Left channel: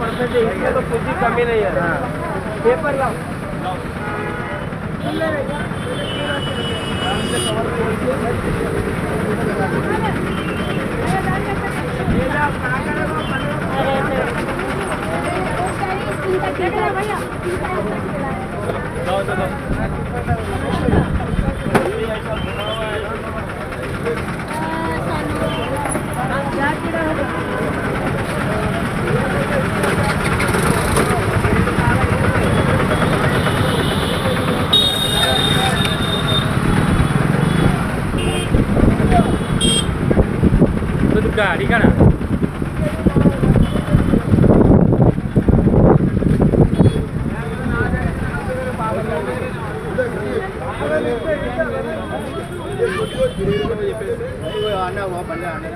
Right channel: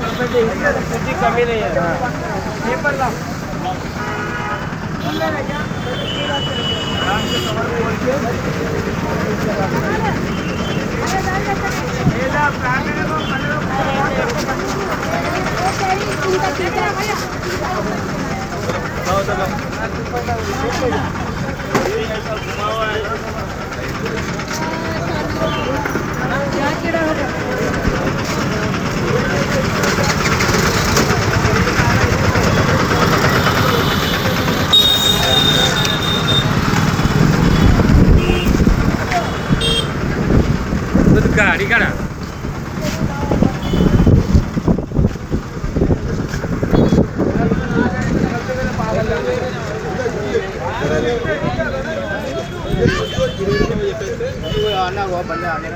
परसेंट इसमें तो कुछ ही कमी नहीं है। पेपर लाओ गाडी का ना आना हुआ बल्ले आने